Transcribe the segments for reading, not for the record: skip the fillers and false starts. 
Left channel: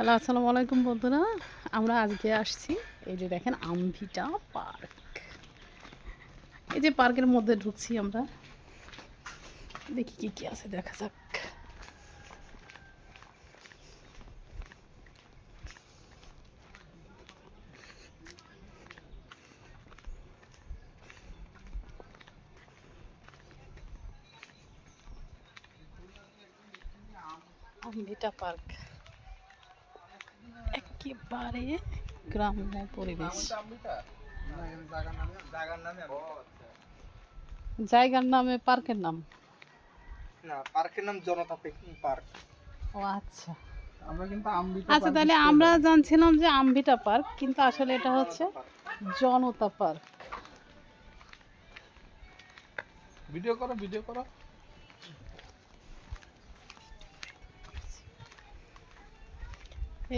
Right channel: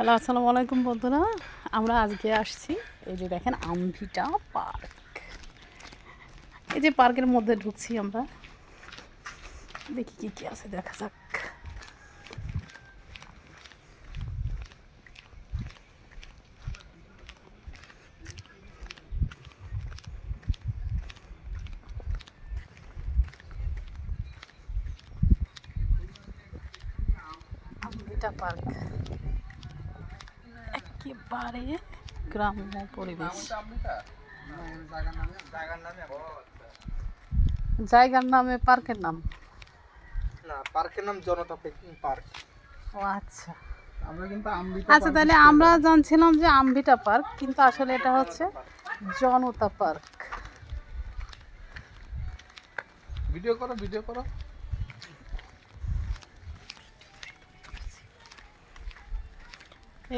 Hello, আসসালামু আলাইকুম বন্ধুরা। আমরা আজকে আসছি, এই যে দেখেন আমভিটা পার্ক। এই যে পার্কের মধ্যে ঢুকছি আমরা, দেখি কি কি আছে, দেখা যাক। আমভিটা পার্ক একেবারে গ্রাম্য পরিবেশ। জায়গার নামে পার্কের নাম না, পার্কের নাম জনতা পিকনিক পার্ক। ও আচ্ছা আমরা কিন্তু আমবিটা আচ্ছা, তাহলে আমরা জানছিলাম যে আমভিটা পার্ক, কিন্তু আসলে এটা হচ্ছে জনতা পার্ক। ভিডিও করো, ভিডিও করো।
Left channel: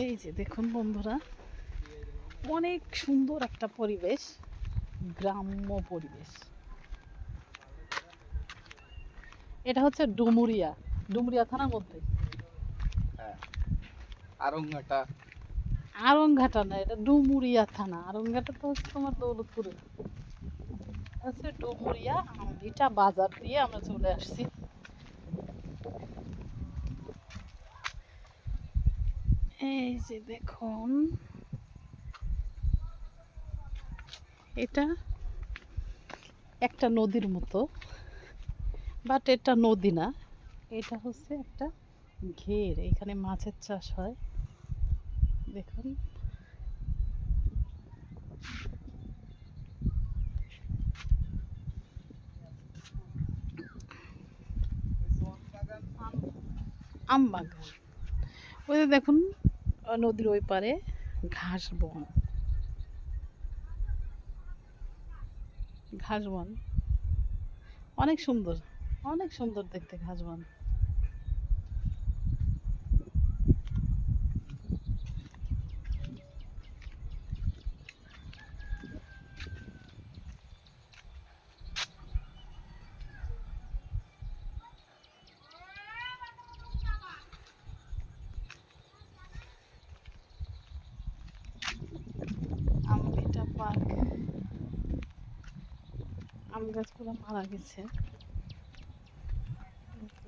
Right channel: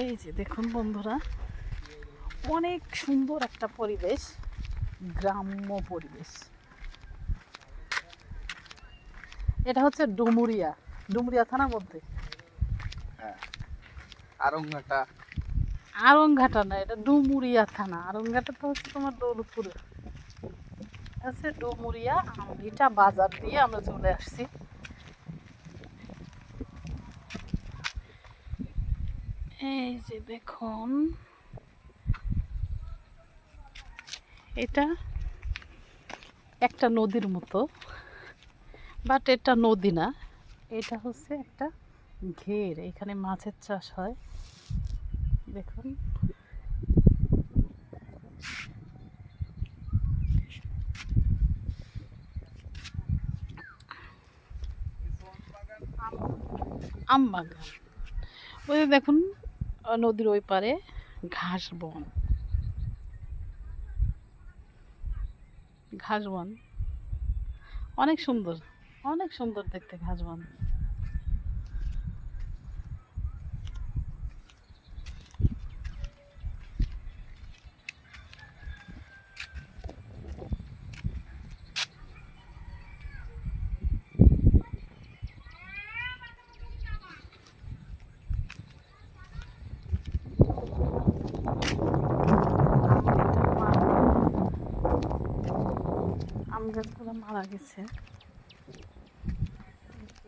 এই যে দেখুন বন্ধুরা, অনেক সুন্দর একটা পরিবেশ, গ্রাম্য পরিবেশ। এটা হচ্ছে ডুমুরিয়া, ডুমুরিয়া থানার মধ্যে। হ্যাঁ, আরংঘাটা। আরংঘাটা না, এটা ডুমুরিয়া থানা। আরংঘাটা তো হচ্ছে তোমার দৌলতপুরে। আছে ডুমুরিয়া আমভিটা বাজার দিয়ে আমরা চলে আসছি। এই যে দেখুন, এটা একটা নদীর মতো, বাট এটা নদী না, এটা হচ্ছে একটা ঘের। এখানে মাছের চাষ হয়, দেখুন। আম বাগান, ওই যে দেখুন নদীর ওই পারে ঘাস বন, ঘাস বন অনেক সুন্দর, অনেক সুন্দর দেখতে ঘাস বন। আম গাছগুলো মারা গেছে,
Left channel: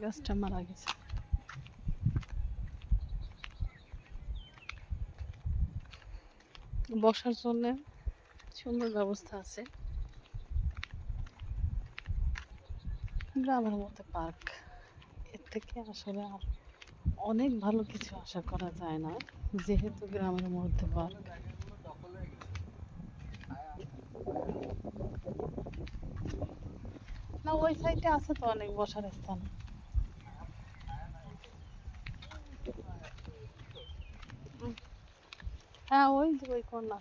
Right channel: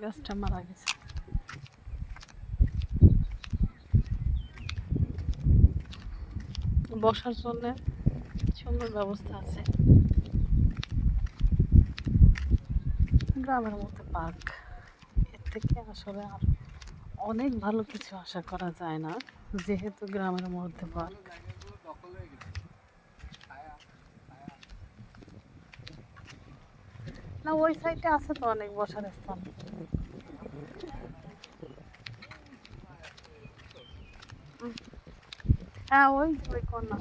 গাছটা মারা গেছে। বসার জন্য সুন্দর ব্যবস্থা আছে। গ্রামের মধ্যে পার্ক, এর থেকে আসলে আর অনেক ভালো কিছু আশা করা যায় না, যেহেতু গ্রামের মধ্যে পার্ক। না, ওই সাইডে আছে তো অনেক বসার স্থান। হ্যাঁ, ওই যে ওই কোনা।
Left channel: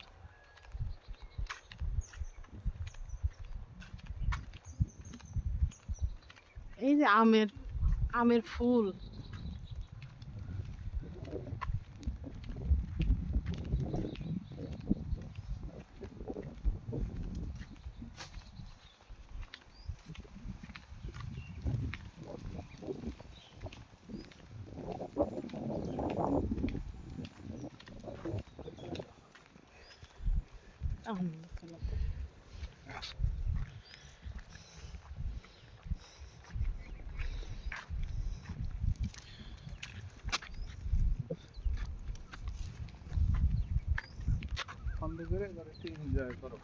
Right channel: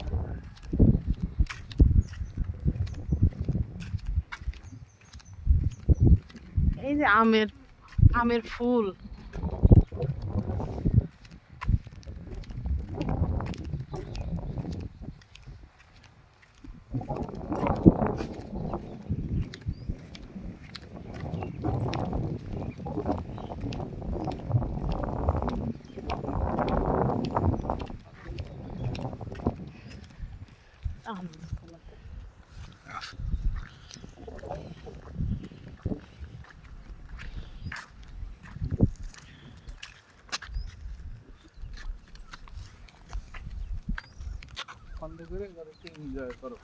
এই যে আমের, আমের ফুল। আম বন্ধ করে এবার একটু এনজয় করো।